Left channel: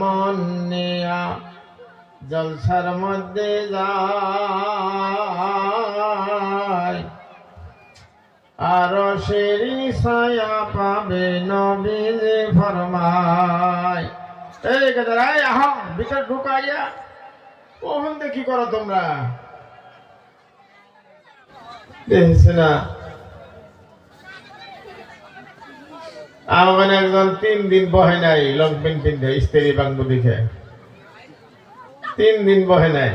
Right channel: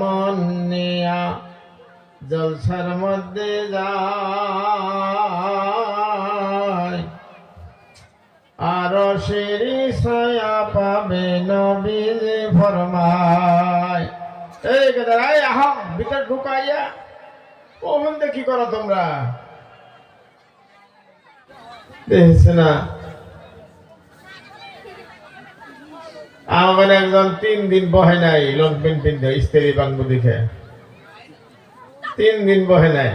মন নিয়া জলসার মধ্যে যায় আর শিরি ছায়া পাবে নবীজি ফরমায়। এই গেদারাই আহা ভিতর ঢুকাইয়া ওখান কি করো তোমরা? দেখছে না আমার একজন 3 দিন বহে নাই লং প্যান্ট পিন্ধে স্ত্রী বাংবু দেখে 3 দিন বহে নাই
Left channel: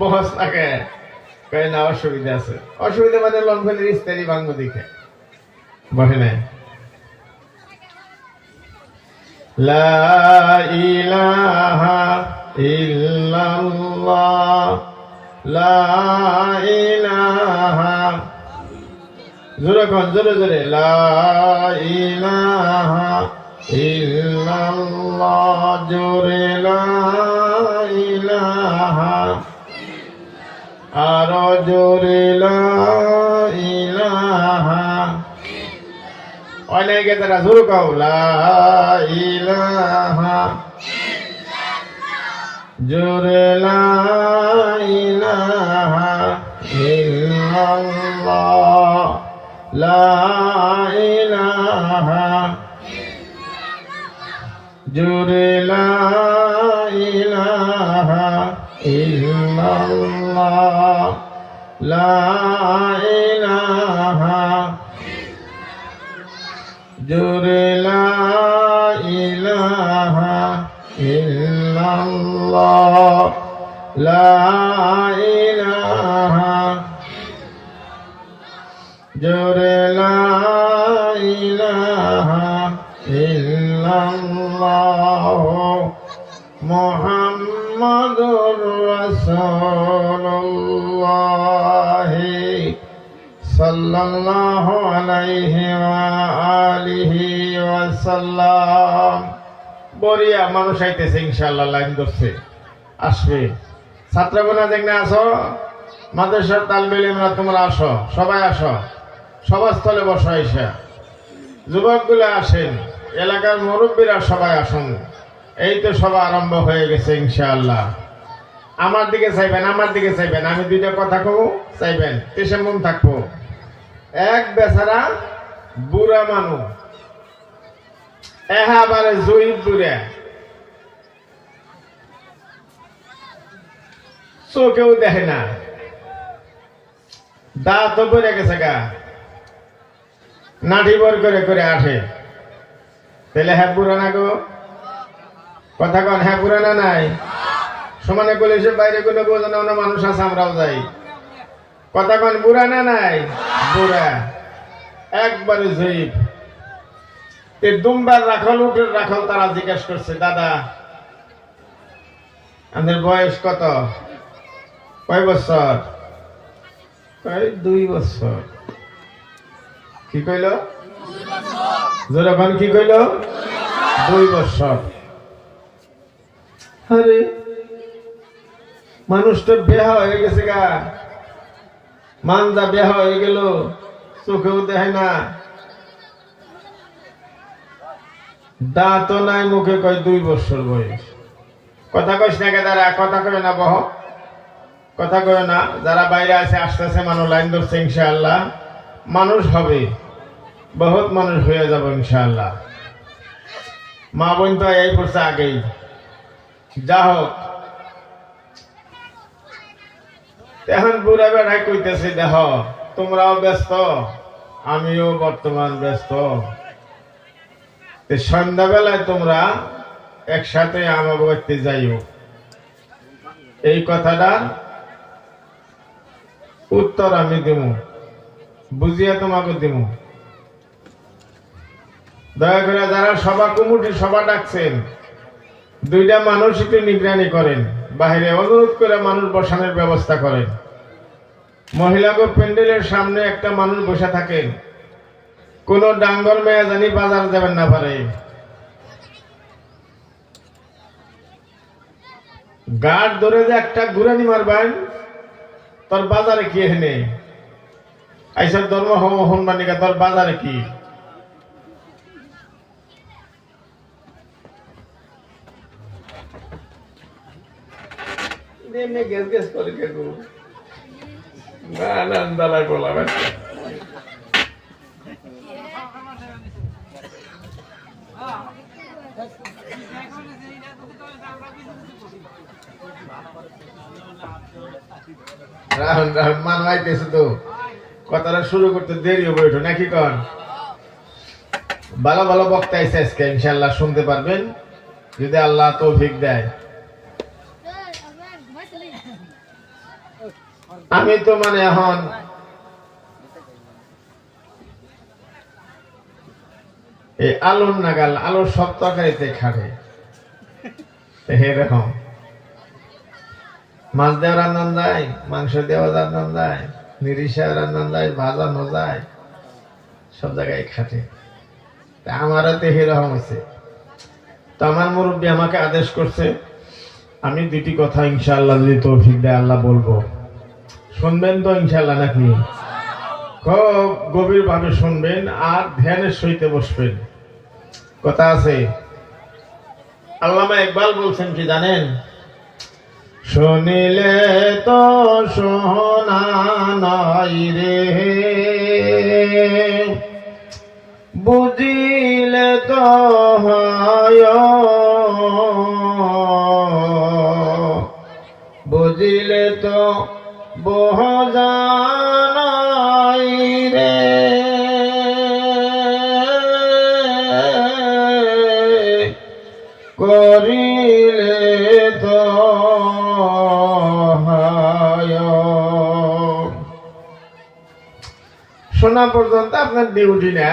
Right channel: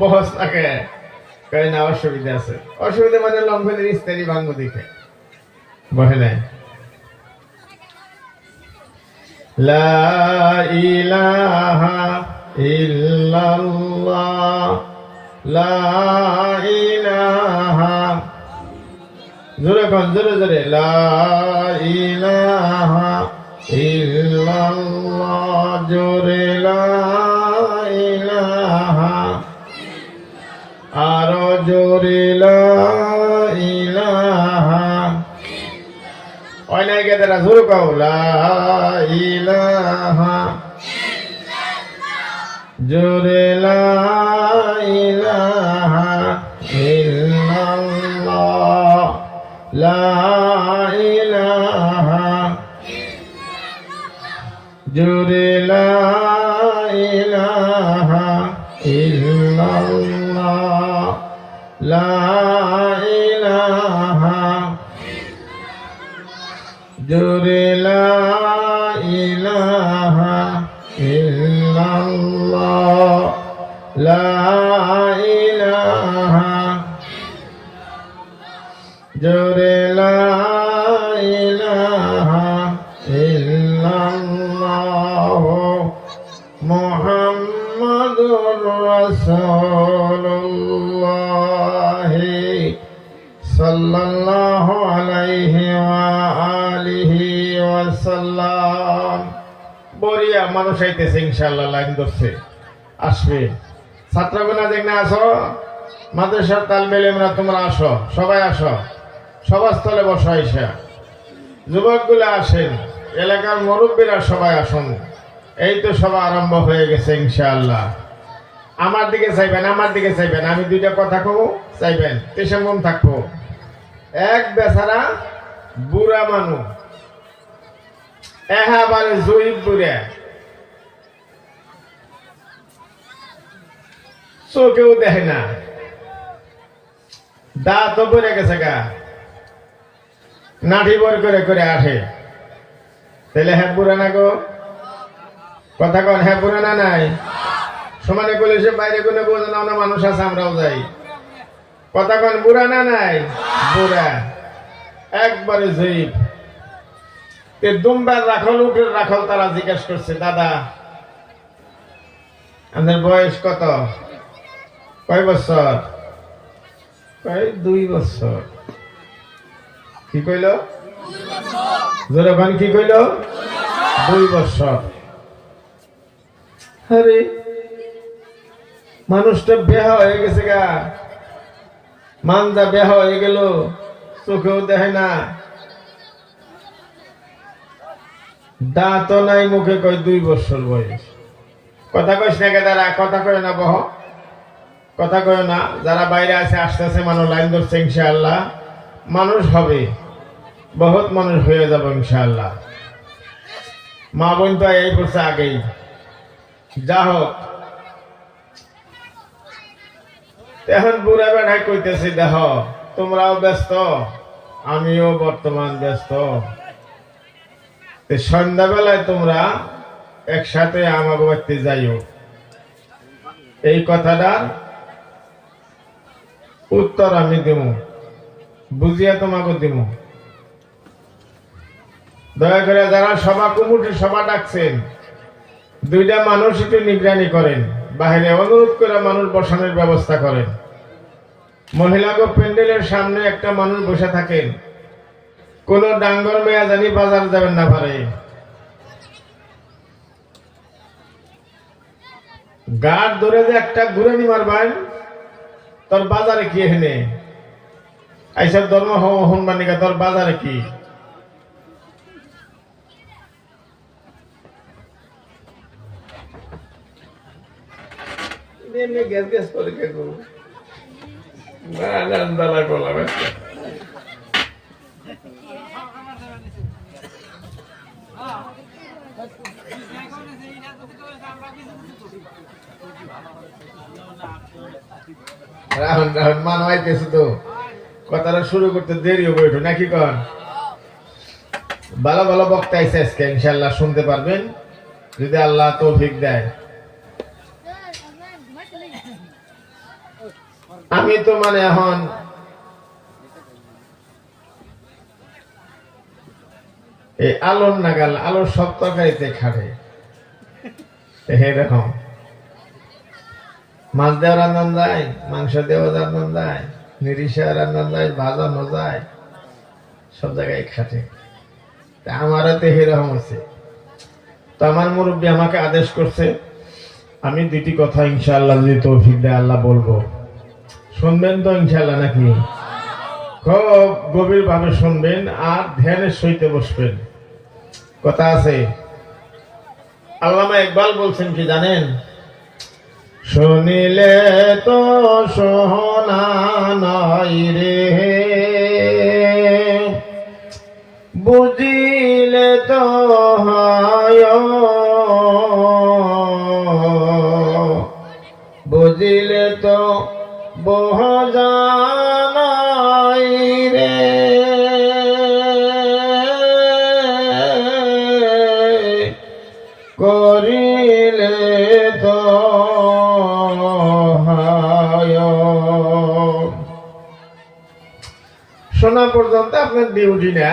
বহস থাকে কই না অসুবিধা আছে। অসুবিধা মানে লং প্যান্টের স্ত্রী বাংবু দেখে বহে নাই। লা ইলাহা ইল্লাল্লাহ লা ইলাহা জোরে কোন জোরে জোরে লা ইলাহা ইল্লাল্লাহ জোরে লা ইলাহা আর জোরে লা ইলাহা অনেক তারা জোরে কও লা ইলাহা জোরে লা ইলাহা ইল্লাল্লাহ লা ইলাহা জোরে লা ইলাহা ইল্লাল্লাহ লা ইলাহা জোরে লা ইলাহা ইল্লাল্লাহ লা ইলাহা জোরে লা ইলাহা ইল্লাল্লাহ মুহাম্মাদুর রাসূলুল্লাহ সাল্লাল্লাহু আলাইহি ওয়া আলিহি ওয়াসাল্লাম। বড়িয়া মানুষ আইতেছে ইনশাআল্লাহ, লাইন ধরছে আসবে। ছাত্রগণা দেখনা আসো, মাদ্রাসার তালবে ইলমরা তোমরা আসো, সবাই আসো, সভাস্থলে বসো। আইসা যুবকগুলো আসেন, এলাকার মুরব্বীরা সবাই আসুন। এই তো সভা আরম্ভ হয়ে গেছে ইনশাআল্লাহ। আমার দিকে চাইবেন, আমার দিকে চাইবেন, আমি দুইটা কথা কমু চাইবেন, তেসে মন থাকবো। এক বেচারা বুড়া মানুষ এহাবারে জয়ীব বুড়া, চোখেও দেখে না, দাঁত পড়ে গেছে গা, নাঠি বর করে করে আসে। তাহলে হ্যাঁ বুড়া না গো? কথা কন, হ্যাঁ বুড়া না নাই? সমানে বলে সে বাইরে কোনো বোঝানো অন্য মানুষ আছে, আমরাও যাই। কথা কন, বুড়া না নাই? বুড়া একবারে জয়ীব। দুমবার রাখল উঠে রাখল, তারা জিজ্ঞাসা করছে, দাদা আমাদের বয়স কত? কয় বছর? 2 বছর। কি কইল? জোরাবান কি কইল? 2 বছর। আরে মানুষটা বেহা হয়ে গেছে গা, মানজা বেহা হয়ে গেল, চোখেও দেখে না, দাঁতও নাই, মুখে কয় 2 বছর বয়স। কথা কইস না কে তারা? কথা কয় না, বহ কথা কয় না। যারা বাইরে আছে আসতেছে, মানুষ লাইন ধরছে ইনশাআল্লাহ, মানুষ হবে, বহুত মানুষ হয়ে যাবে ইনশাআল্লাহ। মা বোন তো এই পড়ছে আগেই। যা হোক, এখন বুড়া বেড়ায় কইতেছে, দেখ তোমরাও ব্যস্ত, আমিও বর্তমান ব্যস্ত, সন্ধ্যাবেলায় তোমরা একসাথে আমাকে বাড়িতে যাইও। এই কথাটার উত্তর আমি দিব, বুঝিয়া তোমাকে দিব। দয়া করে যারা সভা কমিটি সভা ডাকছেন, 2টা মানুষ একটু নিগরানি করেন, বাহিরে অনুরোধ করে মানুষ বসানোর ব্যবস্থা করেন। মহিলাকে প্যান্ডেলের সামনে একটা মানুষ বসে থাকেন, কোন ডাঙ্গর মেয়া জানি বাজার যাবেন না পারে। গাঢ় ধরে যে একটা ঘুরানি মারবেন, তোর বাজারে কি এখানে আইসার ধর্ম হনবানিকা, তোর বাজারে কি? এমনি গ্যাস গ্যাস করে কে করবো না না দাদা বলা বাচ্চা রাহুল রাহুল মান হইতেছে তো কথাটা শুরু করতে দেরি হবে একটু নাকি কন ভালো ভালো বক্তা আইছে আজকে ইনশাআল্লাহ শুনতে পারবেন যদি আল্লাহ তৌফিক দেয় আমি তো মানে এখন এই আলোর নাগাল আলোর সব তরকারিতে খাবে এরকম মাছ দেওয়া রান্না যায় মাংস দেওয়া রান্না যায় নিরিশা রান্না যায় ভাজানো যায় সব জায়গায় খাটে আমারও তো এরকম হয়েছে তো আমার মুরব্বী আমাকে আদেশ করছে আমি দুটি কথা ইনশাআল্লাহ যদি তৌফিক দেয় আল্লাহ বলবো শুনবেন তো ইনশাআল্লাহ নাকি খুব গভীর ভাবে শুনবেন আর ধ্যানের সহিত বসবেন কথা আছে আল্লামা ইকবাল বলছেন কি জানেন শুনিলে তো শোনা নাই রে বুঝিলে তো হয় বুঝিলে তো বহজানাই রে করিলে তো শোনা পর্যন্ত আপনার ডিউটি না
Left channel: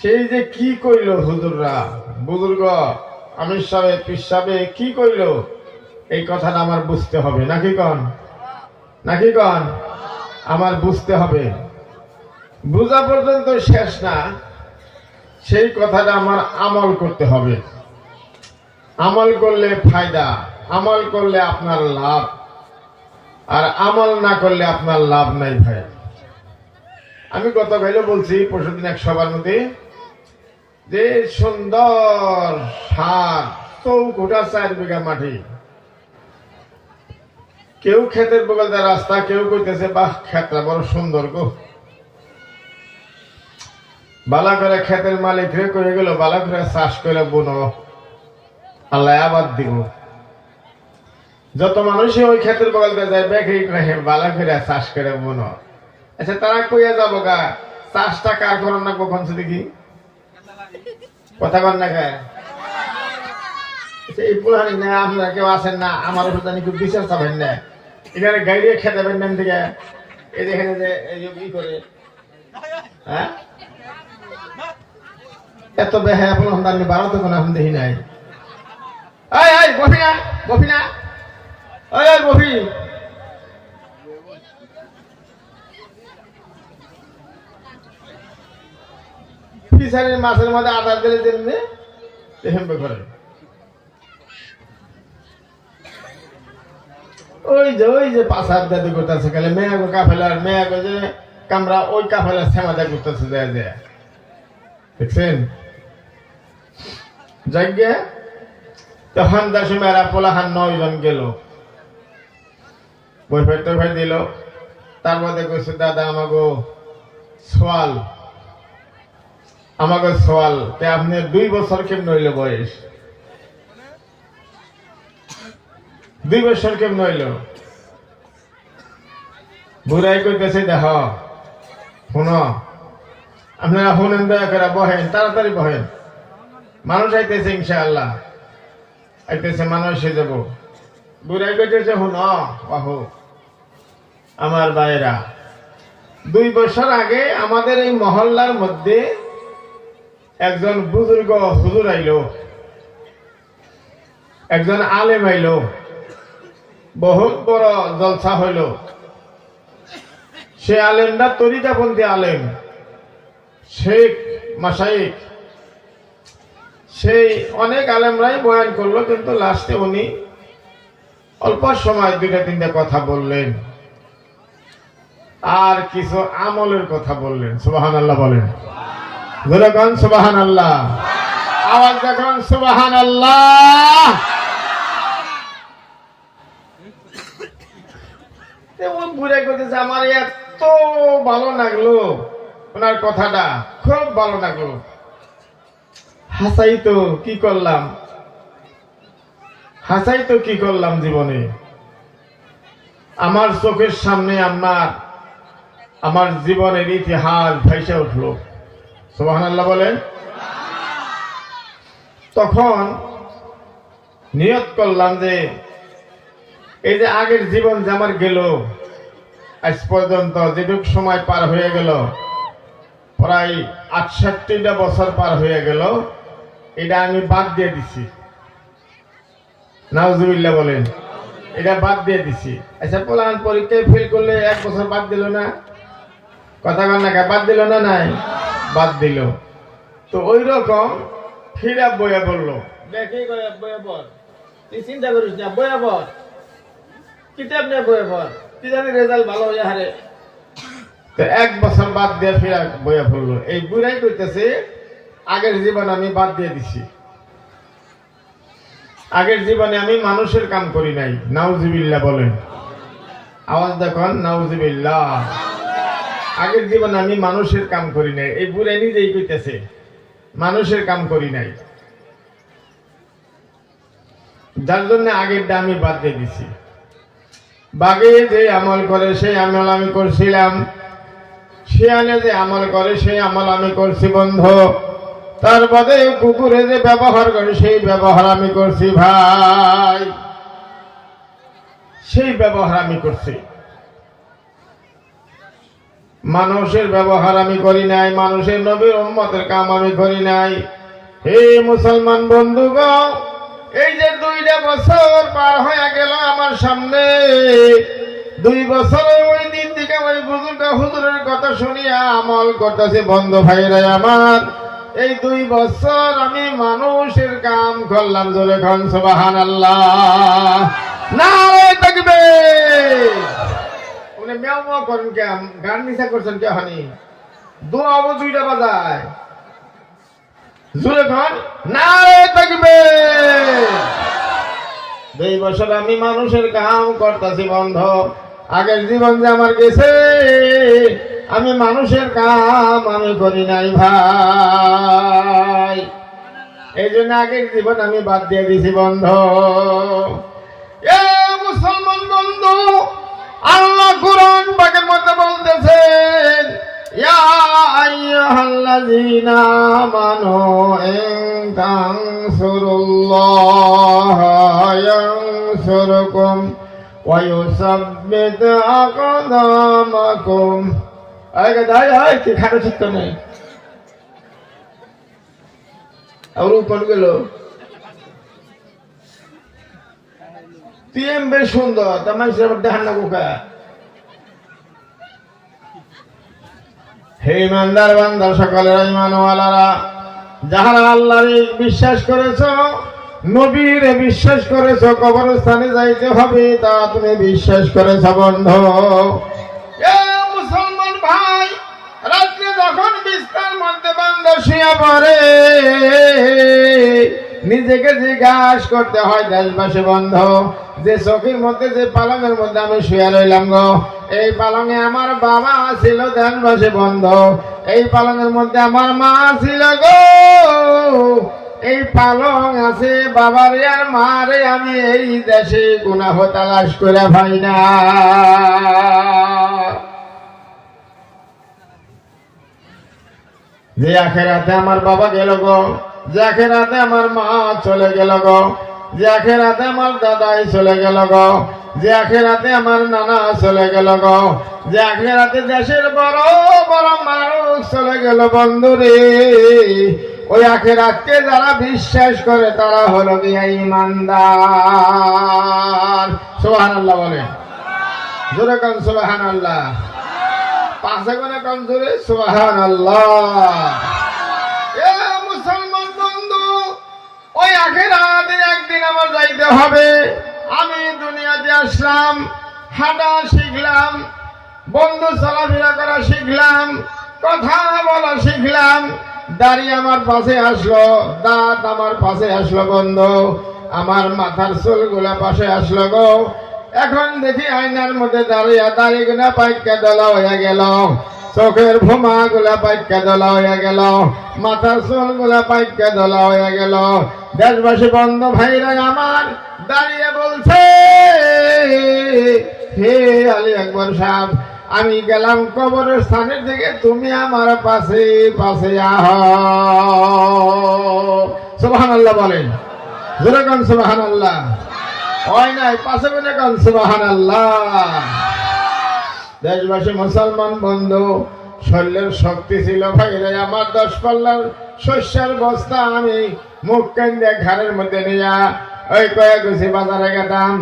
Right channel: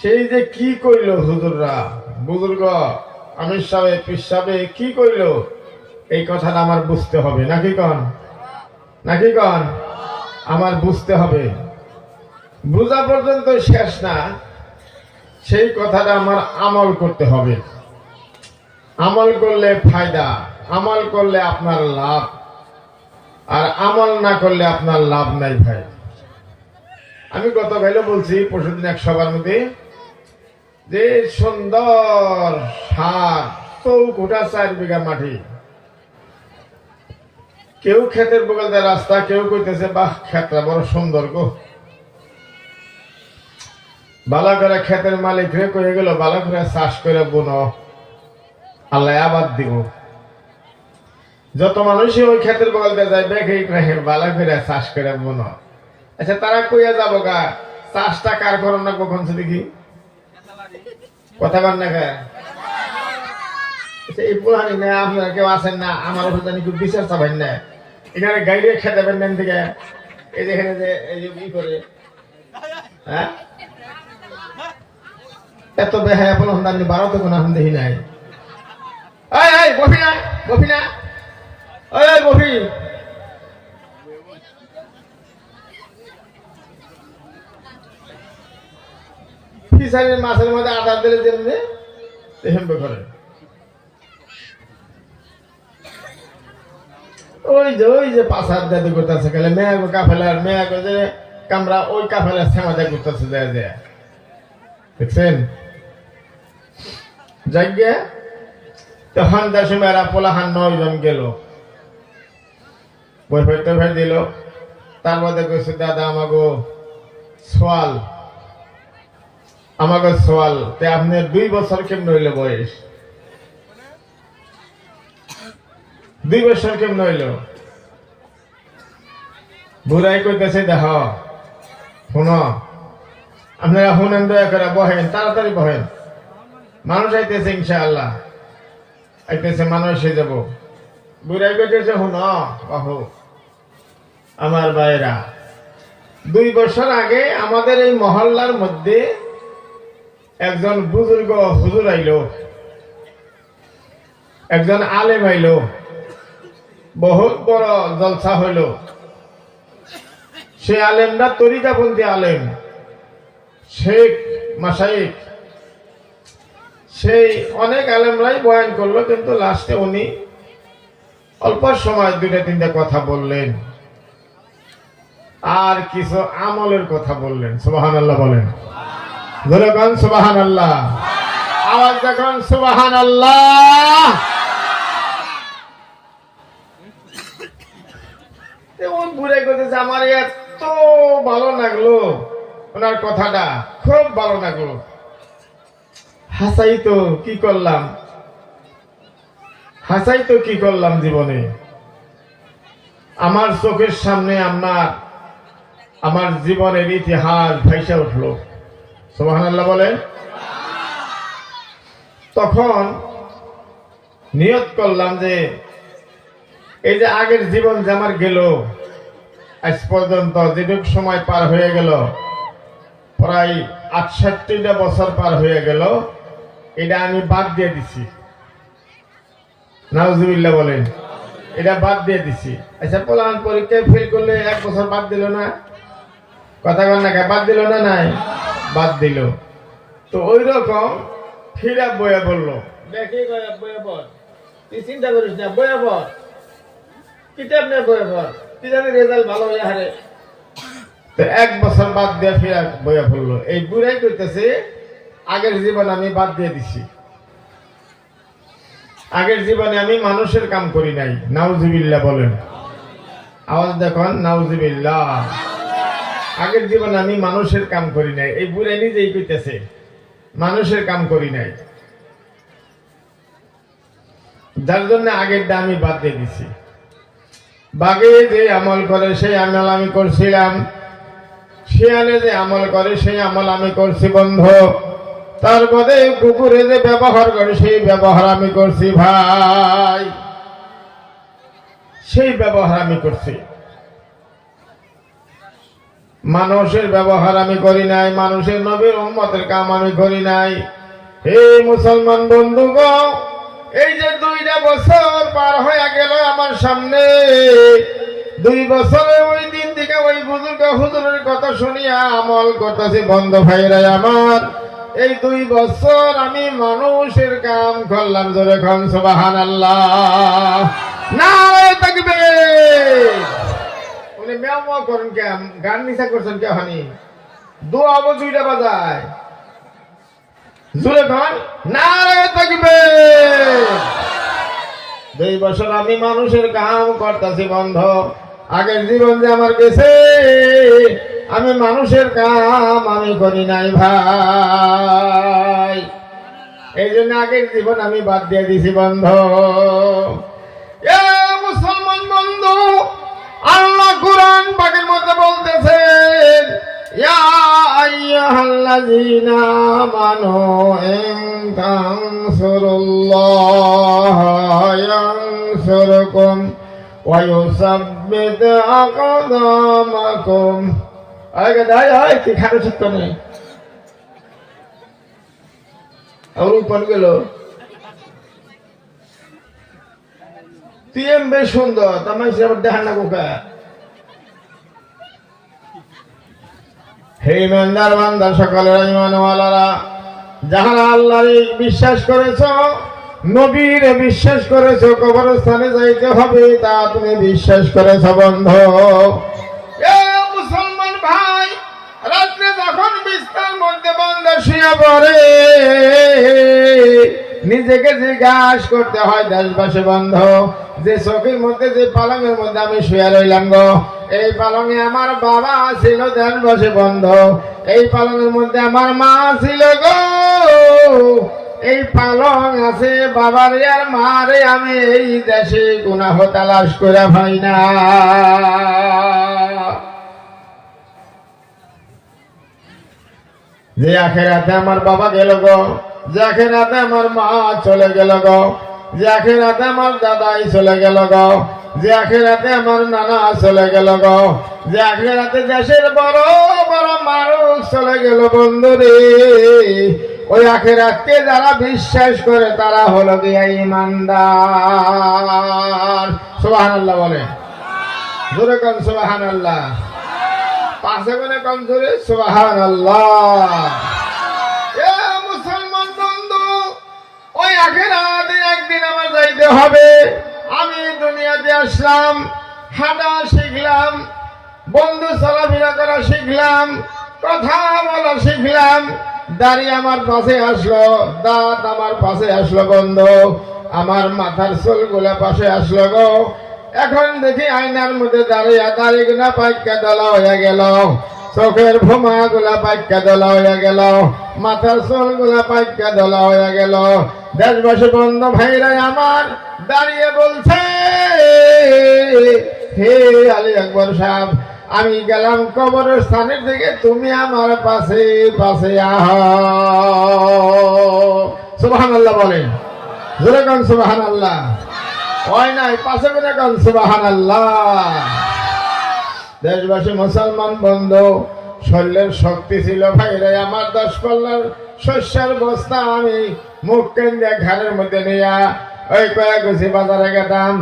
সেই যে কি কইল হুজুররা বুজুর্গ আমির সাহেব পীর সাহেব কি কইল এই কথাটা আমার বুঝতে হবে নাকি কন আমার বুঝতে হবে বুঝা পর্যন্ত শেষ না সেই কথাটা আমার আমল করতে হবে আমল করলে ফায়দা আমল করলে আপনার লাভ আর আমল না করলে আপনার লাভ নাই ভাই আমি গতকালও বলছি পরশুদিন এক সবার মধ্যে যে সুন্দর সার চৌকুটা 4 বিঘা মাটি কেউ ক্ষেতের বগল দিয়ে রাস্তা কেউ কইতেছে বাহ ক্ষেতটা বড় সুন্দর গো বালা করে ক্ষেতের মালিক রে কয়ে গেল বালা করে চাষ করে বুনো আল্লাহ আবাদ দিব যত মানুষই ওই ক্ষেতের বগল দিয়ে যায় বেঘে বালা করে চাষ করে বুনো আচ্ছা তারা কইয়া যাবো গা চাষটা কার করো না কখন দেখি কথা কন না গায়ে এই পুরানি না আপনারা কেউ আসেন না আমার ওষুধ জানি খুব বিশ্বাস চাবেন না এখানে গাড়ি খেতে পারেন থেকে এই যেখানে যে এই যে ই করে হ্যাঁ এত বেহায় আপন আপনি বারোতে কোনো এখন দেখি নাই বফি না বফি ফিশারির মাছের মধ্যে আটার দিলে যেমনি হেমবে করে ওই যে পাশার দাদি করতেছে গেলে মেয়াগো কাফেলার মেয়াগো যে কামরা ওই কাফেলার শ্যামাদা করতেছে দেয়া দেয়া দেখছেন যাইগে তখন দেশ মেয়েরা পোলাহান 9 জন গেল বইফাই টইফাই দিল তার মধ্যে কইছে দাদা আমাকে সোয়াল তে আপনি 2 বছর কেমন হইল বয়স 2 বছর কেমন হইল বুড়াই কইতেছে দেখ শুনো আপনারা শুনেন দয়া করে বহেন তাড়াতাড়ি বহেন মানুষ আইতেছে ইনশাআল্লাহ আইতেছে মানুষ এসে যাব বুড়াই কইতেছে শুনো বাহু আমার ভাইরা 2 বছর আগে আমাদের এই মহল্লার মধ্যে একজন বুজুর্গ হুজুর আইলো একজন আলেম আইলো বহুত বড় জলসা হইল সে আলেমটা তরিকাপন্থী আলেম শেখ মাশাইখ সেই অনেক আলেমরাই বয়ান করলো কিন্তু লাস্টে উনি অল্প সময় 2-3টা কথা বললেন আর কিছু আমলের কথা বললেন সুবহানাল্লাহ বলেন বলেন সুবহানাল্লাহ আওয়াজ দেখুন সুবহানাল্লাহ ওই বুড়াই করতেছে আমার এত ভালো লাগলো, ওনার কথাটা খুব ভালো লাগলো। হাসাই তো কি করলাম, হাসাই তো কি করলাম জীবনে। আমার চোখের সামনে আমার জীবনের ইতিহাস ভেসে উঠলো। সুবহানাল্লাহ বলেন। তখন নিয়ত করলাম যে এই যে আগের জীবন যে আমার গেল, আজ পর্যন্ত যেটুক সময় পার হয়ে গেল, প্রায় ৬৮টা বছর পার হয়ে গেল, এটা আমি বাদ দিয়ে দিছি। নাউজুবিল্লাহ বলেন। এটা বাদ দিয়ে দিছি। আচ্ছা পোলাপান পরীক্ষায় ফেল করলে 1 বছর বাদ দিল না? কথা বল না, বাদ দিল না? নাই, বাদ দিল। তো ওই রকম ফিরা বইয়া বললো, দেখি বইয়া পড়, তুই চিন্তা করিস না, বইয়া পড়, কিতাব নিয়ে বইয়া পড়, তুই জানি রেজাল্ট ভালো হয়ে হারে। তো 1 বছর বাদ দিয়ে ফিরা বইয়া পড়লো। এই বুড়াই কইতেছে আগের জীবন আমি বাদ দিয়ে দিছি, আগের জীবনে আমি মানুষের কাম করি নাই। নাউজুবিল্লাহ বলেন। আওয়াজ দেখুন, নাউজুবিল্লাহ। আগের জীবনে আমি মানুষের কাম করি নাই। এই বুড়াই নিজেই কইতেছে মানুষের কাম করি নাই, যার জন্য আগেরটা আমি বাদ দিয়ে দিছি। বাঘে যে আমল করে সেই আমল আমি করছিলাম, শিয়ালে যে আমল করে সেই আমল আমি করছি বন্ধু। তার বাদে কুকুরে যে ব্যবহার করে সেই ব্যবহার আমি করছি ভাই, সেই ব্যবহার আমি করছি। মানুষের ব্যবহার আমি করি নাই, মানুষের নবীর উম্মতের কাম আমি করি নাই। হে মুসলমান বন্ধুগণ, এই যে 2টা বছর পার হয়ে গেল আমার সামনে, 2 বছরের ওই দিন থেকে ওই বুজুর্গ হুজুরের কথা শুনিয়া আমল করতেছি বন্ধু ভাইরা আমার। এই 2 বছর আমি মানুষের কাম করলাম। জোরে খান সুবহানাল্লাহ, নারে তাকবীর। উনি মেও মেও করেন কে, গান নিশা করছেন কে? হানি দোয়া আবু 2টা বাজায়। জোরে খান, নারে তাকবীর। 2 বছর আমি মানুষের কাম করতেছি বন্ধু। আগের জীবন যে আমার গেছে, আমি মানুষের কাম আমি করি নাই ভাই। এই জন্য আগের জীবন আমি বাদ দিয়ে দিছি বন্ধু। এ মুসলমান বন্ধু, আল্লাহ কুরআন পাকের মধ্যে বলতেছেন, ইয়া আইয়ুহাল্লাযীনা আমানু ইন তানসুরুল্লাহা ইয়ানসুরকুম ওয়া ইউসাব্বিত আকদামাকুম। আগে দাই হয় কি খাটো ছিট নেই আর কোন গেল তুই বেশ সুন্দর তোমার হিসাবে দেখান না কোকা। হে ইমানদার বান্দা সকলেরা, ইমানওয়ালারা, যাহারা আল্লাহর বিশ্বাস করেছ, নবীর বিশ্বাস করেছ, কবরস্থানে যাইতে হবে তা তুমি বিশ্বাস করেছ বন্ধু। এ মুসলমান ভাই, রাত্রে যখন বিছানার মধ্যে বান্দা শুয়ে পড়ে, নিজেকে জিজ্ঞাসা করতে হয় দেশবাসী বন্ধু, যে চোখের মধ্যে যে পালঙের মধ্যে আমি শুয়ে রইলাম গো, এই পালঙে আমার বাবা ছিল দেশবাসী বন্ধু, এই পালঙের মধ্যে আমার মা ছিল গো, এই পালং আছে বাবার আর মারে আমি এই দেশে গুনাহ তালাশ করে পাই না। যে আখেরাতে আমার বাবা গেল গো, যে আখেরাতে আমার মা চলে গেল গো, যে আখেরাতে আমার দাদাই চলে গেল গো, যে আখেরাতে আমার নানা চলে গেল গো, যে আখেরাতে দেশের বড় বড় মানুষ চলে গেল বন্ধুরে, ওই আখেরাতকে যারা বিশ্বাস করে তারা হলো গিয়া ঈমানদার। সুবহানাল্লাহ বলে, জোরে কোন সুবহানাল্লাহ, পাঁচে কোনে কোন জোরে সুবহানাল্লাহ। এ মুসলমান বন্ধু, ওই আখেরাতে একদিন আমার যাইতে হবে। আমি দুনিয়াতে আসলাম, হাঁটা শিখলাম, বন্ধু চলাফেরা করা শিখলাম, কথা বলা শিখলাম, দাড়ি আমার পাশে আসলো, দাঁত আমার পাশে আসলো বন্ধু, আমার মাথার চুলগুলা পাশে আসলো গো। এখন দেখি আয়নার মধ্যে দাঁড়িয়ে দাড়িগুলা পাইকা দলা হয়ে গেল, চোখের ভোমা গুলা পাইকা দলা হয়ে গেল, মাথার চুল গুলা পাইকা দলা হয়ে গেল। দেশবাসী বন্ধ ভাইরা আমার দাঁড়িয়ে বলছে, হে আলী আকবর সাহেব, আমি গেলাম কবরের স্থানের দিকে, তুমি আমার পাশে পাশে আহ। সুবহানাল্লাহ বলেন, জোরে কোন সুবহানাল্লাহ। ওই নাই পাশে বলে কোন সুবহানাল্লাহ। দেশবাসী মুসলমান বন্ধু, শরীরের শক্তি ছিল ভাইরা আমার, 10 পাল্লার শস্যের বস্তা আমি মুখ কেন্দ্রে ঘাড়ের মধ্যে নিয়ে ওই কয়েক গুছি বাজারে গেতাম।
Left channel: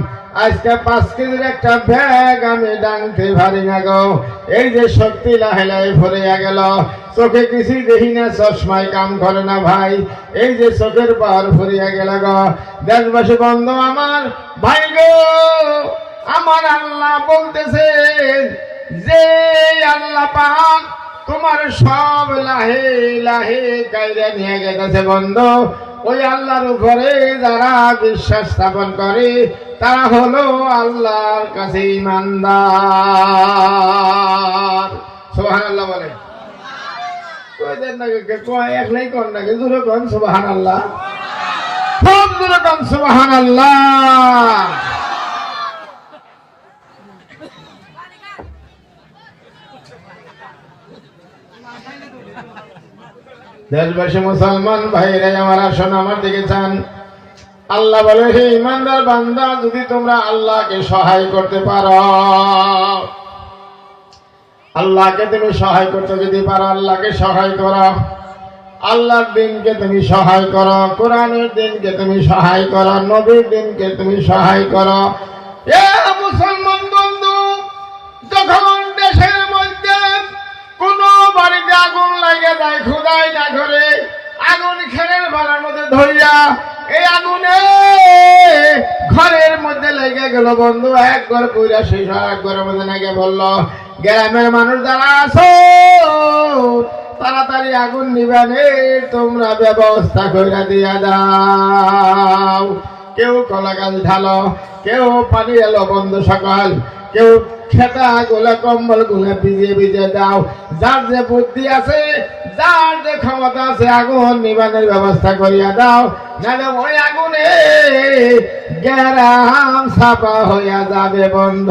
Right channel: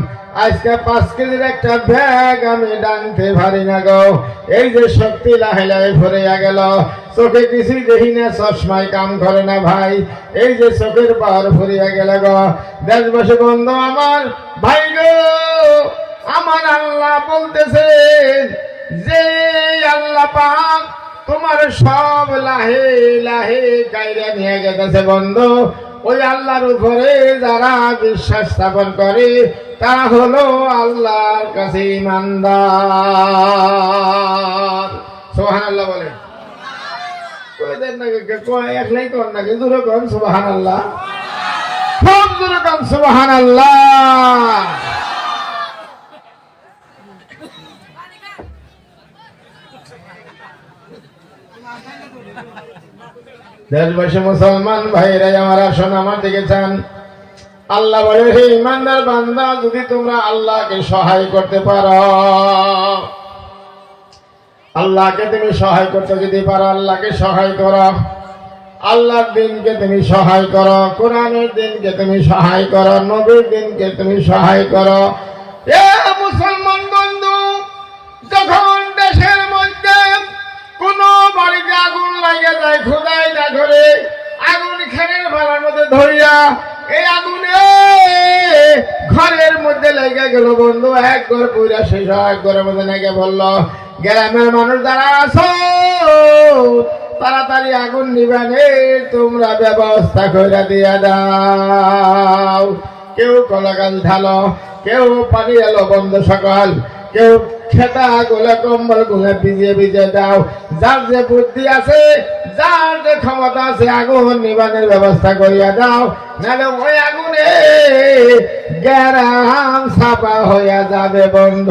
আজকে 5 কেজির একটা ব্যাগ আমি ডানতে পারি না গো। এই যে শক্তি লাহে লাহে ভরিয়া গেল, চোখে কিছুই দেখি না, চশমায় কাম করে না ভাই। এই যে চোখের পাওয়ার ভরিয়া গেল গো। দেশবাসী বন্ধু আমার ভাই গো, আমার আল্লাহ বলতেছেন যে আল্লাহ পাক তোমার সব লাহে লাহে কায়দা নিয়ে গেছে বন্ধু। ওই আল্লাহর উপরে যারা বিশ্বাস স্থাপন করে তারা হলো আল্লাহর কাছে ঈমানদার। সুবহানাল্লাহ বলে কয়দের নাকি একলাই কোন নাকি জোরে কোন সুবহানাল্লাহ, সব জোরে কোন সুবহানাল্লাহ। দেশবাসী মুসলমান ভাইরা আমার, আসুন আমার দিকে চান। আল্লাহ বলে, হে ইমানদার বান্দা, যদি তোমরা আল্লাহকে সহায় করতে পারো, আল্লাহকে তুমি সহায় করতে যদি পারো, আল্লাহকে সহায় করো। আল্লাহর দিনকে তুমি সহায় করো, কোরআনের দিনকে তুমি সহায় করো, নবীর দিনকে তুমি সহায় করো। এ মুসলমান বন্ধু, যখন দেশের মধ্যে কোন বাড়িতে আগুন লাগে যায়, খোদাই না করে আগুন খেরের ভাড়ার মধ্যে ধরিয়া এই আগুনে ঘরের মধ্যে লেগে গেল বন্ধু, এক ঘর পুরা শেষ, এক ঘরের মধ্যে লেগে বললো, গ্রামের মানুষ যারা আছো তাড়াতাড়ি আগুন নিবানে তোমরা ব্যবস্থা করে দিয়া দাও। কেউ কলা গাছ ঢালো, কেউ পানি এলো বন্ধ সকাল, কেউ খেতা গুলা কম্বল গুলা ভিজিয়ে ভিজিয়ে দাও। যার যে বুদ্ধি আছে, যার যে ক্ষমতা আছে, আগুন নিবানের ব্যবস্থা করিয়া দাও, নাহলে ওই আগুনে গ্রাম ছাপা হইয়া যাবে বন্ধ।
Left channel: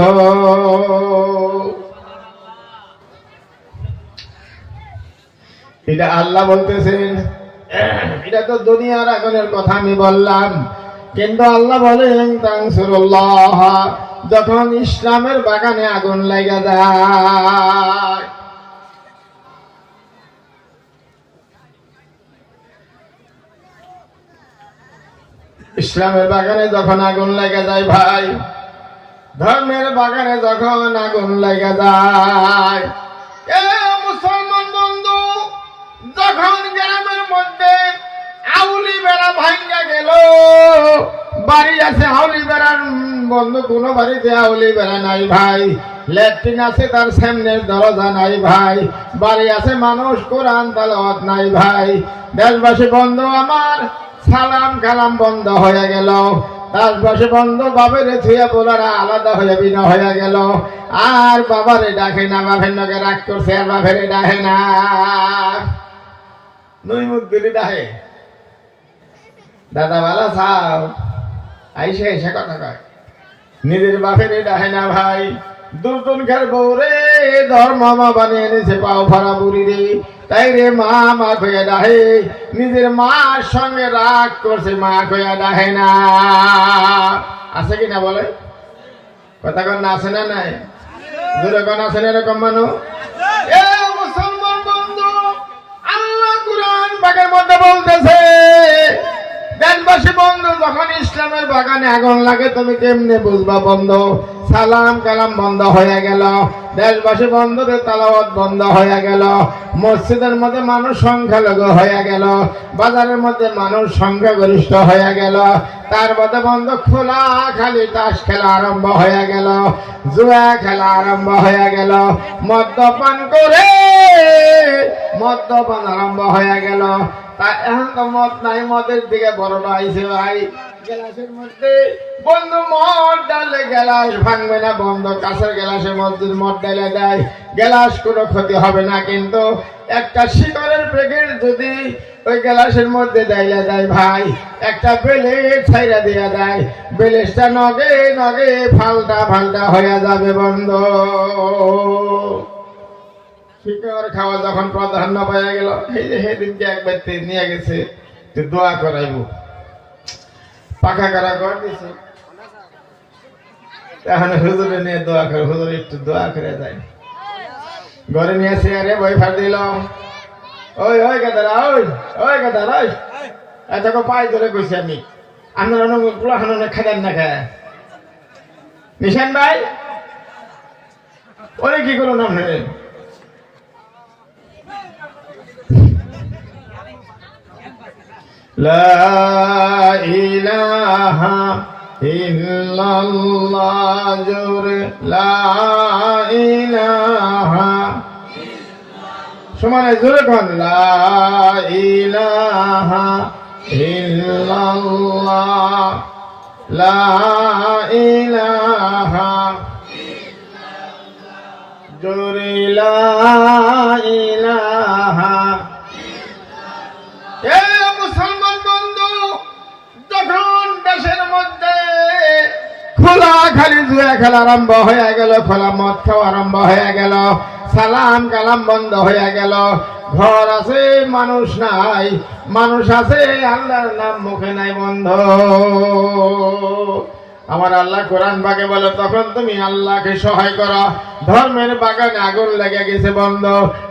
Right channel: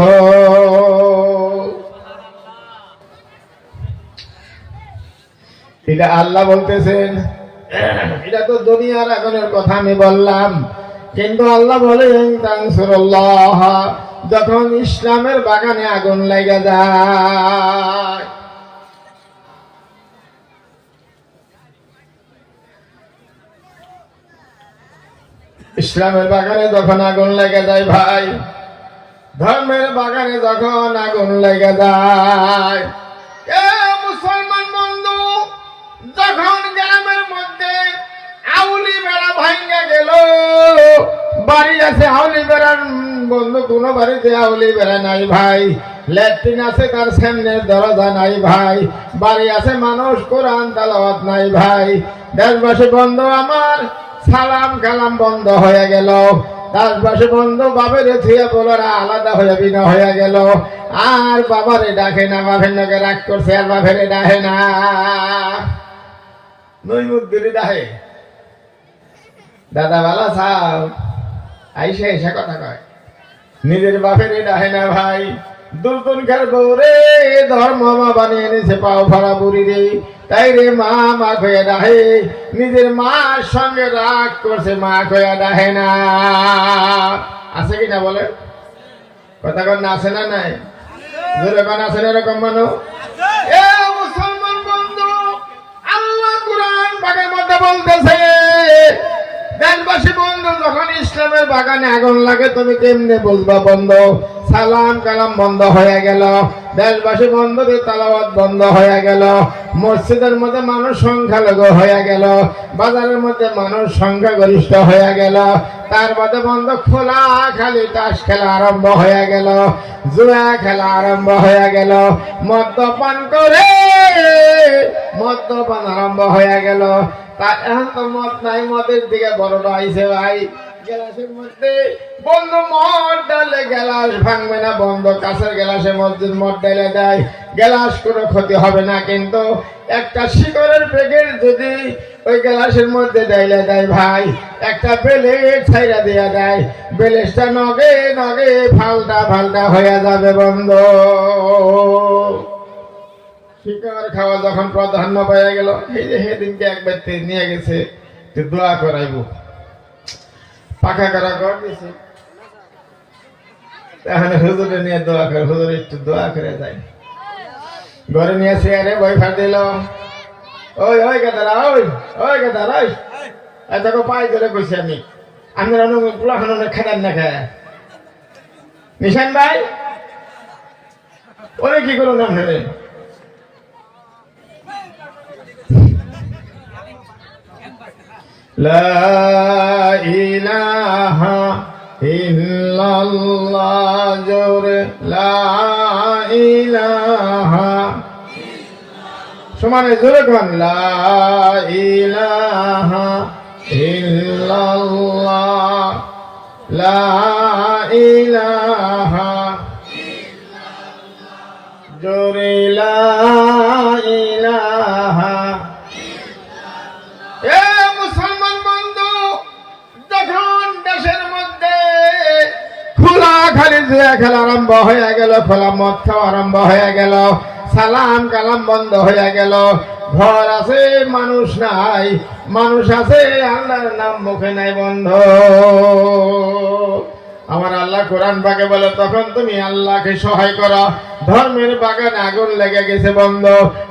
এটা আল্লাহ বলতেছেন, এটা তো দুনিয়ার আগুনের কথা আমি বললাম, কিন্তু আল্লাহ বলেন তানসুরুল্লাহ, যখন ইসলামের বাগানে আগুন লেগে যায়। ইসলামের বাগানে যখন আগুন লেগে যায় ভাই, ধর্মের বাগানে যখন আগুন লেগে যায়, মুসলমান বন্ধু, যখন গ্রামের মধ্যে আউলি বেড়া ভাঙ্গা গেল, বাড়ি আছে আউলি বেড়ার বন্ধু, কোন বাড়িতে আউলি বেড়া নাই ভাই, ল্যাট্রিন আছে তার সামনের দরজা নাই ভাই, বাড়ি আছে মানুষ কোরআন তেলাওয়াত নাই ভাই। দেশবাসী বন্ধু আমার, সালাম কালাম বন্ধ হয়ে গেল। দেশবাসী বন্ধু, বাপের থুয়ে বলারা আলাদা হয়ে বিনা হয়ে গেল। আর বাবারে ডাকে না, বাপের লোকে রাগ করছে, আর বাপের ডাকে না, নই মুখ দিলি ডাহে, দাদা বালা সাহ আইসে এসে কথা কয়, নিজের বাপের ডাহে না ভাই। দুর্দনকার বউরে ধর্ম মা বানিয়ে এনেছে পাও ফাড়া বুড়ি রে, তাই রে মা মা কয়ে ডাহে, নিজের মার সঙ্গে রাগ করছে, মা কয়া ডাহে না। আছে কিনা বলে কথা কন না, আছে না নাই? জোরে কন আছে না এরকম মানুষ? এ মুসলমান বন্ধু, আল্লাহ কুরআন পাকের মধ্যে বলতেছে, দেশবাসী বন্ধু, যখন ইসলামের বাগানে আগুন লাগে তুমি কেমনে বুঝবা বন্ধু? সালাম কালাম বন্ধ হয়ে গেল, দেশবাসী বন্ধুদের তেলাওয়াত বন্ধ হয়ে গেল, মসজিদের মধ্যে মানুষ সংখ্যালঘু হয়ে গেল, বাজারের মধ্যে মানুষ সংখ্যাগরিষ্ঠ হয়ে গেল, তার বাদে বন্ধ খোলা খালি তাস খেলা আরম্ভ হয়ে গেল, জুয়া খেলা আরম্ভ হয়ে গেল, মদ্যপান করে মদ্যপান আরম্ভ হয়ে গেল। তা এখন তো মদ নাই, মদের দিকে বড় আইছে ভাই, গ্লাসের মধ্যে বন্ধু মদ ডালে গ্লাস ভাঙবে না, বন্ধ কাঁচের গ্লাসের মধ্যে মদ ডালে দেয়, গ্লাস কোনো ক্ষতি হবে না। কিন্তু একটা শিকড়ের প্যাকেট যদি ওই গ্লাসের মধ্যে ডাইলে দেয় ভাই, একটা বেলেট ছাইরা দিয়া দেয়, বেলেটটা নগে নগে ফালটা ফালটা হয়ে যাবে বন্ধু। শিকড় খাওয়া যখন প্রাধান্য পাইয়া গেল, এই যে সেদিনকে এক ব্যক্তি নিয়ে গেছে দোয়া করাইব, পাখা করা কর দিছে, তাহলে হুজুরে নিয়ে দোয়া করে, হুজুর একটু দোয়া করে যায়, ঘরে নিয়ে চেয়ারে বই ফাট দিল, ওই ওই গাদারা ওই ওই গাদারা ওই দেখো পাই ধরে কইছি আমি, আপনারা পোলাখানো খেলেন না খায় নিশান ভাই, ওরে কি করুন আপনি? লা ইলাহা ইল্লাল্লাহ জোরে লা ইলাহা, সমানে জোরে কোন লা ইলাহা ইল্লাল্লাহ লা ইলাহা জোরে লা ইলাহা। এ মুসলমান বন্ধু, যখন দেশের মধ্যে খোলা খালি জুয়া খেলা আরম্ভ হয়ে গেল, খোলা মদ খাওয়া আরম্ভ হয়ে গেল, সালাম কালাম বন্ধ হয়ে গেল, ঘর আছে মানুষ নাই, মানুষ আছে আল্লাহর নাম মুখে নাই বন্ধ। আমার আল্লাহ কোরআন পাকে বলে, তখন তুমি আল্লাহকে সহায় করো। ধর্মের বাগানে আগুন লেগে গেছে বন্ধ,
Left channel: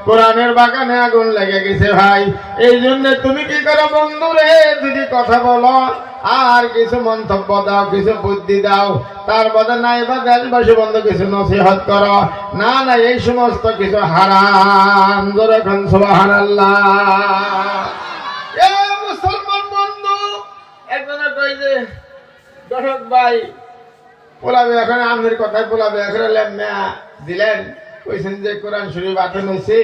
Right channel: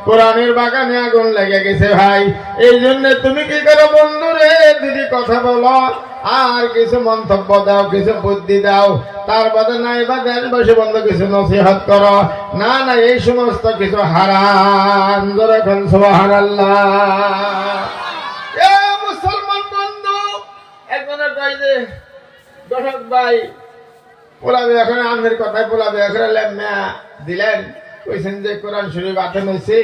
কোরআনের বাগানে আগুন লেগে গেছে ভাই। এই জন্য তুমি কি করো বন্ধুরে, যদি কথা বলো আর কিছু মন্তব্য দাও, কিছু বুদ্ধি দাও, তার বাদে নাই বা দেশবাসী বন্ধু কিছু নসিহত করো, না না এই সমস্ত কিছু হারাম। যখন সুবহানাল্লাহ। এ মুসলমান বন্ধু, একজনে কই যে দর্শক ভাই পোলাবে এখন আমাদের কথায় পোলাবে এখন লেমনা দিলেন, কইছেন যে কোরআন শরীফ আতেন হয়েছে,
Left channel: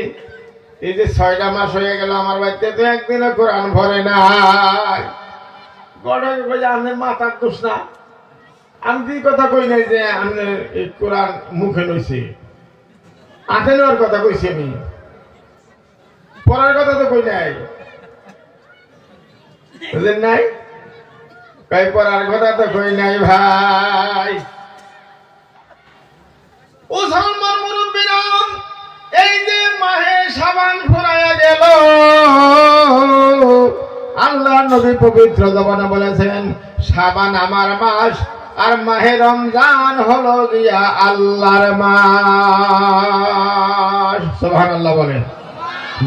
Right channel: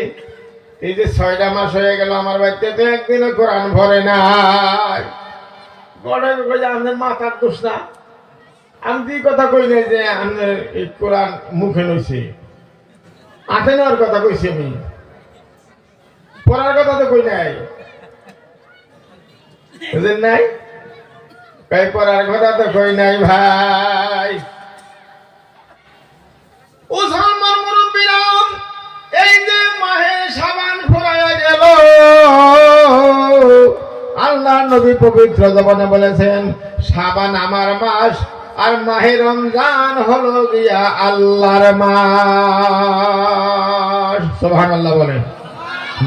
এই যে 6টা মাস হয়ে গেল আমার বাড়িতে তো একদিনও কোরআন ভরে নাই। গড়াকে কই যে আমাদের মাথার দোষ না, আমি কি কথা কই নাই যে আমাদের এই কোরআন মুখে লইছে, আতে নেওয়ার কথা কইছি, আমি পড়ার কথা তো কই নাই, বুঝলেন নাই? কই পড়ার কথা তো কই নাই ভাই। মুসলমান মুরব্বীরা, এই যে মাহে শাবান ফুরাইয়া গেল, আল্লাহ নবী পবিত্র জবানে বলেছেন শাবান আমার মাস, আর মাহে রমজান হলো গিয়া আল্লাহর মাস। সুবহানাল্লাহ বলেন,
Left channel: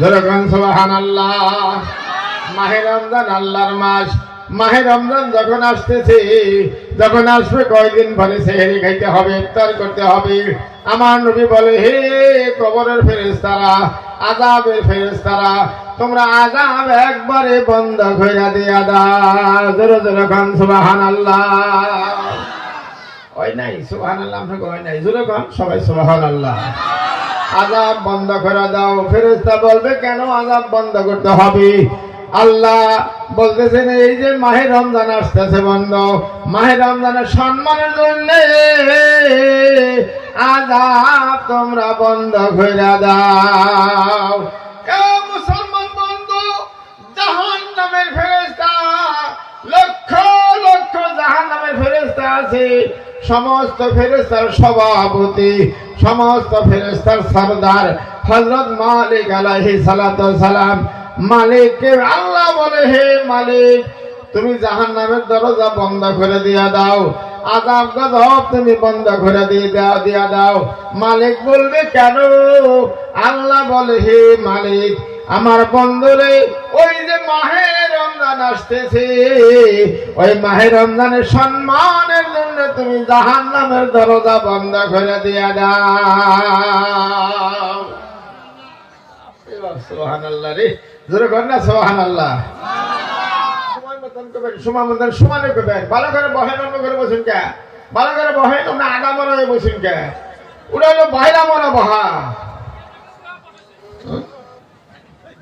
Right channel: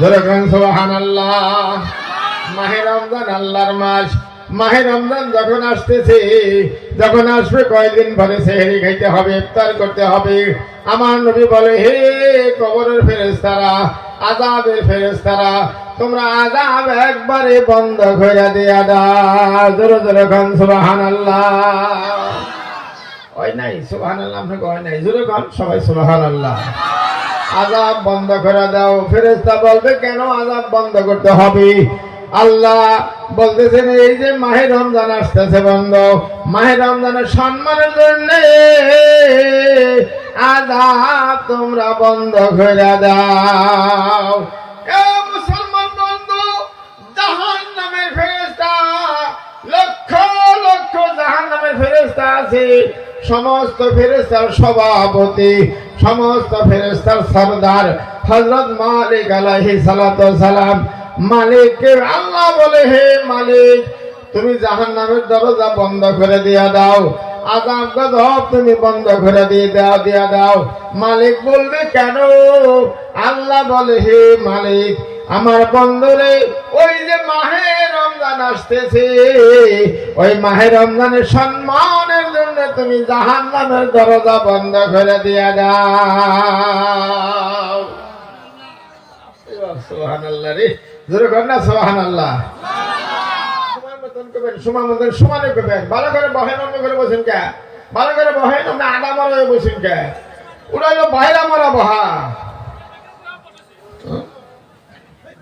জোরে বলেন সুবহানাল্লাহ। মাহে রমজান আল্লাহর মাস। মাহে রমজান যখন আসতেছে, যখন আসবে কয়েকদিন পরে সেহরি খাইতে হবে, ইফতার করতে হবে। আমার নবী বলে, হে কবরের ফেরেশতারা, আযাবের ফেরেশতারা, তোমরা আযাব একবারে বন্ধ কইরা দিয়া দাও। জোরে জোরে কোন সুবহানাল্লাহ। ওই নাই সুবহানাল্লাহ, আমরা কই নাই, জোরে কোন সবাই সুবহানাল্লাহ। আযাব বন্ধ করে দাও। ফেরেশতা বলবে, কেন আযাব বন্ধ করতে হবে? আল্লাহ বলতেছেন, এই যে মাহে রমজান আসতেছে বন্ধ, মাহে রমজানের সম্মানের জন্য আযাব তোমরা বন্ধ করে দাও। এ মুসলমান বন্ধু, জাহান্নামের ফেরেশতা, লক্ষ লক্ষ জাহান্নামের ফেরেশতা আছে। সমস্ত ফেরেশতার সভাপতি, সমস্ত ফেরেশতার সরদার হযরত মালিক আলাইহিস সালাতু ওয়াস সালাম। মালিককে আল্লাহ বলে, হে মালিক, তুমি জাহান্নামের দরজা বন্ধ করে দিয়া দাও, আযাব গজব তুমি বন্ধ করে দিয়া দাও। মালিক বলবে, কেন? আল্লাহ বলে, হে মালিক, আমার বন্ধুরে, ওই যে মাহে রমজান আসতেছে, ওই মাহে রমজানের সম্মানের জন্য তুমি জাহান্নামের দরজা বন্ধ করে দিয়া দাও। সুবহানাল্লাহ রে, জোরে কর না সুবহানাল্লাহ। সময় মতন করবেন, সময় মতন সমানে করবেন। ভালো করে বহেন, অন্য করে বসেন কে? ভালো করে বহেন, আমরা আডা মরা বসেন কে? ওটা হলো বাইরা মরা বহা।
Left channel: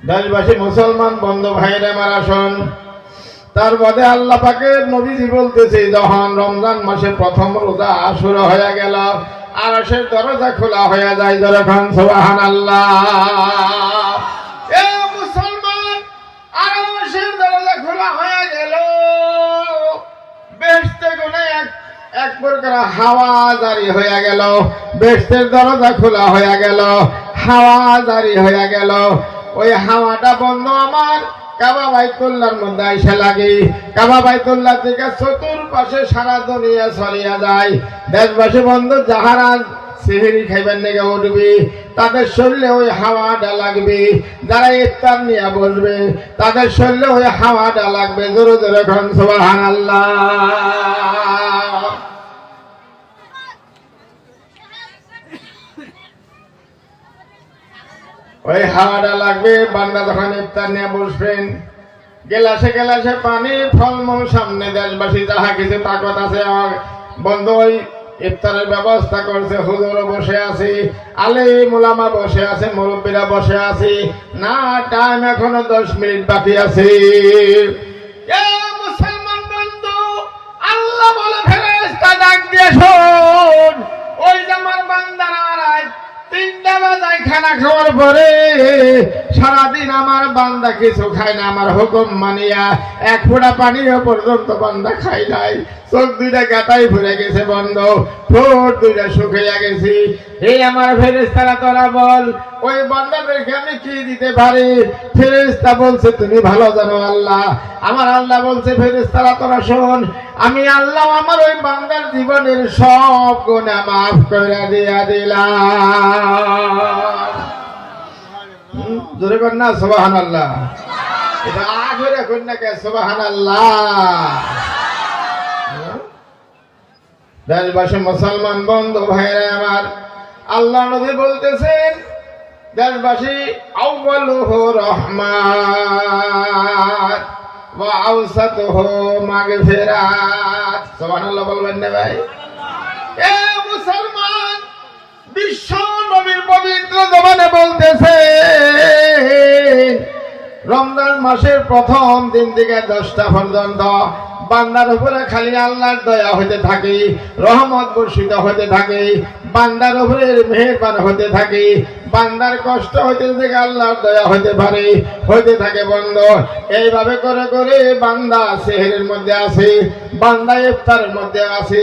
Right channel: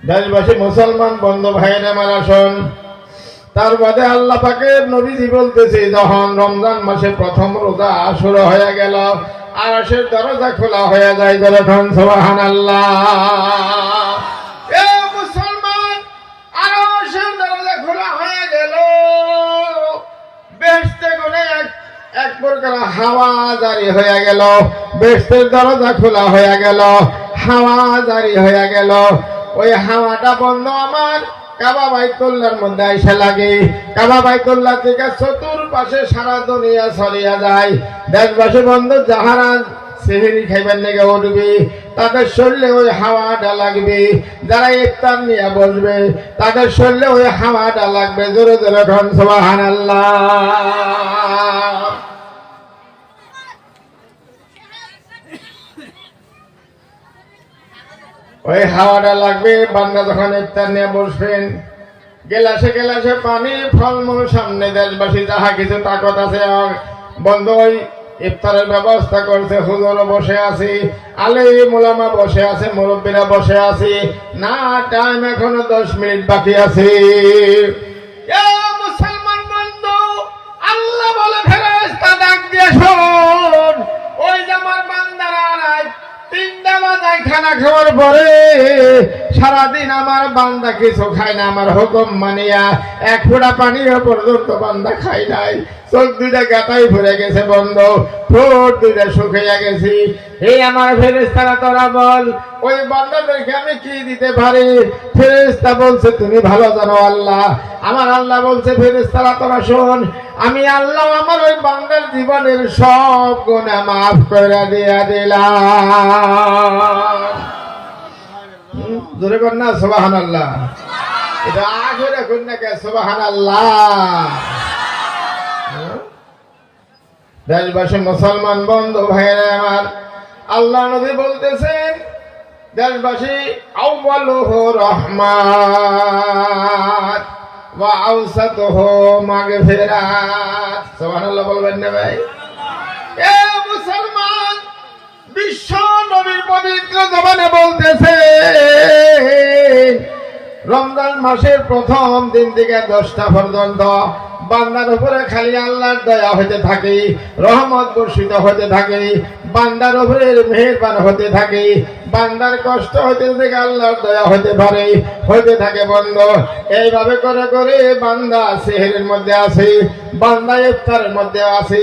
দেশবাসী মুসলমান বন্ধু ভাইরা মারা শোন, তার বাদে আল্লাহ পাকের নবীজি বলতেছে যখন রমজান মাসে প্রথম রোজা শুরু হয়ে গেল আরশের দরজা খোলা হয়ে যায় যখন সুবহানাল্লাহ। এ মুসলমান, আরশের দরজা খোলা হয়ে গেল, বেহেশতে গুনে এক প্রকার হাওয়া জারি হয়ে গেল, বেহেশতের দরজা খোলা হয়ে গেল, হাওয়া জারি হয়ে গেল। ওই হাওয়াটা বন্ধ আমার কাবা বাইতুল্লাহর মধ্যে আইসা লাগে, কাবা বাইতুল্লাহ থেকে চতুর্পাশে সারা দুনিয়া ছড়িয়ে যায়। দেশবাসী বন্ধু যাহারা সেহরি খাইবেন লেগে উঠবি তাদের শরীরে ওই হাওয়াটা লাগবে, যারা ইফতার নিয়ে বসবে তাদের শরীরে ওই হাওয়াটা লাগবে। জোরে জোরে খান সুবহানাল্লাহ। ওই হাওয়াটা লাগবে। বান্দা যখন ইফতার নিয়ে বসবেন গেলাসে গেলাসে পানি ফলমূল সামনে, দেশবাসী যাহা কিছু তাকত আছে বন্ধু ওই ইফতারের ব্যবস্থা করছে। হুজুরও বসে আছি, আলেম ওলামা বসে আছে, মুরব্বীরা বসে আছি। না, টাইম এখনো 10 মিনিট বাকি আছে। মুসলমান বন্ধু, আল্লাহ বলে ফেরেশতা ডাক দিয়ে শোন, ওই যে আমার বান্দারা 3টা বাজায় খানা খাওয়ার পরে সারাদিন আমার বান্দা কিছু খায় না, আমার হুকুম মানিয়া এক ফোঁটা পানিও পর্যন্ত বান্দা খাই নাই। চোখ দুইটা গাটাই ভরে গেছে বন্ধ, ঠোঁট দুইটা শুকিয়ে গেছি। এই আমার ফেরেশতারা তোরা বল ওই বান্দাদেরকে আমি কি দিতে পারি? ফেরেশতা বলছে তুমি ভালো জানো আল্লাহ। আমার আল্লাহ বলছে ফেরেশতারা তোরা শোন, আমি আল্লাহ আমার ওই বান্দার জীবনের সব গুনাহ মাফ করে দিয়া দিলাম। জোরে কর না সুবহানাল্লাহ। এটা আখেরে কর না কে সুবহানাল্লাহ। দেশবাসী মুসলমান বন্ধু ভাইরা আমার, আল্লাহ নবী বলতেছেন দেশবাসী আউয়ালুহু রাহমাত ওয়া আওসাতুহু মাগফিরাত। সুবহানাল্লাহ বলবেন না ভাই? এ মুসলমান, বিশ্ব নবীর পবিত্র জবানে বলতেছে রমজান মাসের প্রথম দিন থেকে 10টা পর্যন্ত বান্দার উপরে খালি আল্লাহর দয়া হইতে থাকে, রহমত বর্ষিত হইতে থাকে, বান্দার উপরে মেহেরবান হতে থাকে, বান্দার কষ্ট হইতে থেকে আল্লাহর দয়া হইতে পারে হইতে থাকে বন্ধ। এইভাবে করে করে বান্দা সেহরের মধ্যে আছে, বান্দা ইফতারের মধ্যে আছে,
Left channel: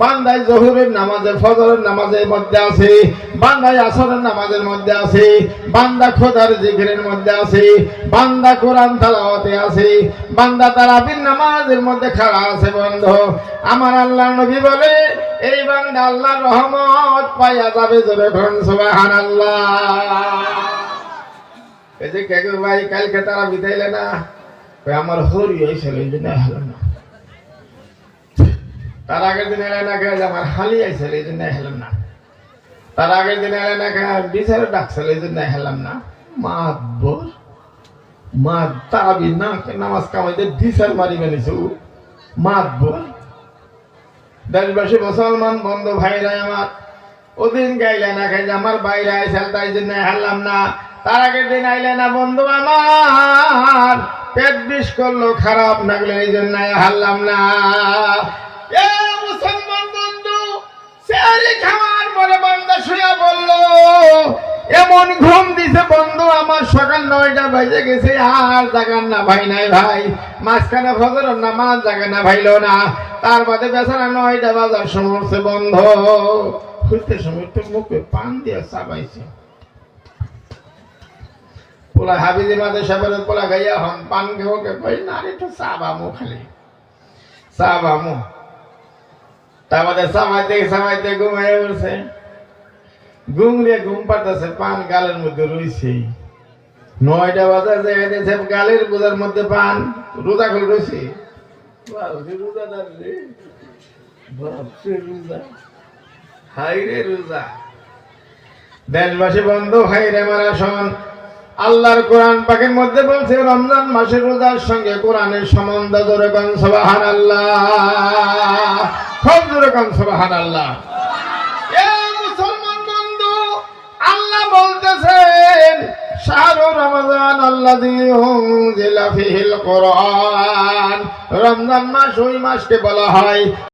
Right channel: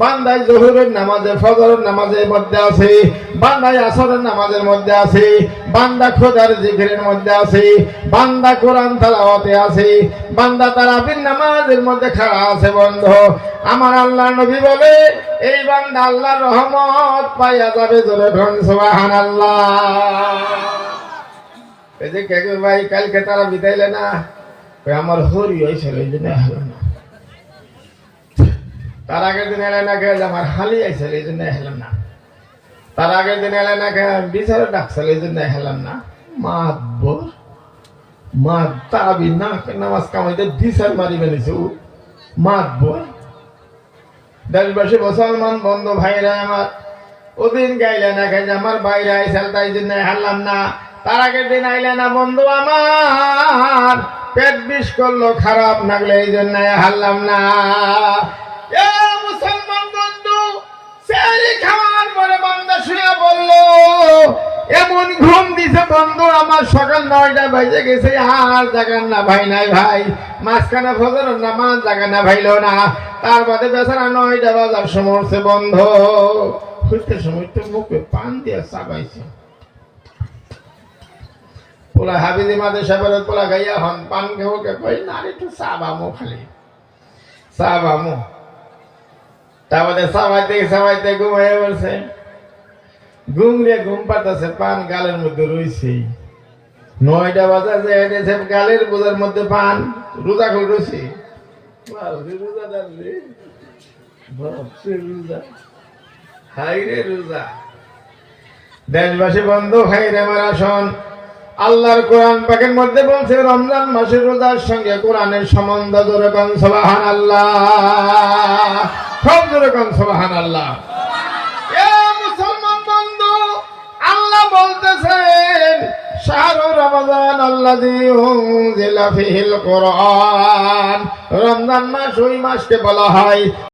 বান্দায় জোহরের নামাজে ফজরের নামাজের মধ্যে আছে, বান্দায় আসরের নামাজের মধ্যে আছে, বান্দা খোদার জিকিরের মধ্যে আছে, বান্দা কোরআন তেলাওয়াতে আছে, বান্দা তারাবির নামাজের মধ্যে খাড়া আছে বন্ধ। আমার আল্লাহ নবী বলে এই বান্দা আল্লাহর রহমত পাইয়া যাবে। জোরে বলুন সুবহানাল্লাহ। এই যে কে ভাই কালকে তারা বিদাইলে না, আমার হরি হয়েছিল এই জন্য হলো না, তার আগের দিন এলে না খেয়ে আমার হালি আইছিল এই জন্য হেলাম না, তার আগের দিন এলে না খেয়ে বিচারে ডাকছিল এই জন্য হেলাম না। মাতবর মা তারাবি না নামাজ কামাইতে বিচার মারিবে নিছে মাতবর। দেশবাসী মুসলমান বন্ধু ভাইরা আমার, ওদিন গাইলে না খাই আমার বাইরে আইসাল তাই জন্য হারলাম না, তার আগের দিন আইলে না বন্ধু আমার পেট বিষ করলো খারাপ লাগলে এই জন্য হারলাম না। মুসলমান বন্ধু, সেহরি খাওয়ার পরে বান্দা শুয়ে বললো এমন ঘুম দিছে বন্ধু আমার সকাল 9টা বাজে গেছে, আর জাগান না ভাই নাই ভাই, মাঝখানে ফজরের নামাজ জাগান না ভাইলো না, তার বাদে বেচারা 9টা বাজার সময় বন্ধ খুঁজতে সময় তো মুখে পান দিয়ে চাবাইছে। পোলা হাবিজি মাঝে সাহেবের পোলা গাইয়া হন পান খেয়ে কই না একটু চাবামো, খালি চাবামো। তার বাদে সামাইতে ঘুমাই পড়ছে, ঘুমরে ঘুম পাতাছে, পান গালের মধ্যে রয়েছে। 9টা বাজার যে এনেছে গালের বোঝার মধ্যে পান, রোজা খুল রয়েছে, রোজাদার রে বাপরে রোজা, হাই রে রোজা। দেশবাসী বন্ধু ভাই রে আমার আসন, আল্লাহর কোরআন পাকের মধ্যে বলছে রমজান মাসের রোজার সঙ্গে কোরআনের সম্বন্ধ। জোরে কান সুবহানাল্লাহ, খুব জোরে কান সুবহানাল্লাহ। মুসলমান বন্ধু, আল্লাহ বলতেছেন শাহরু রমাদান আল্লাযী উনজিলা ফীহিল কুরআন, রমজান মাস ওই মাসকে বলা হয়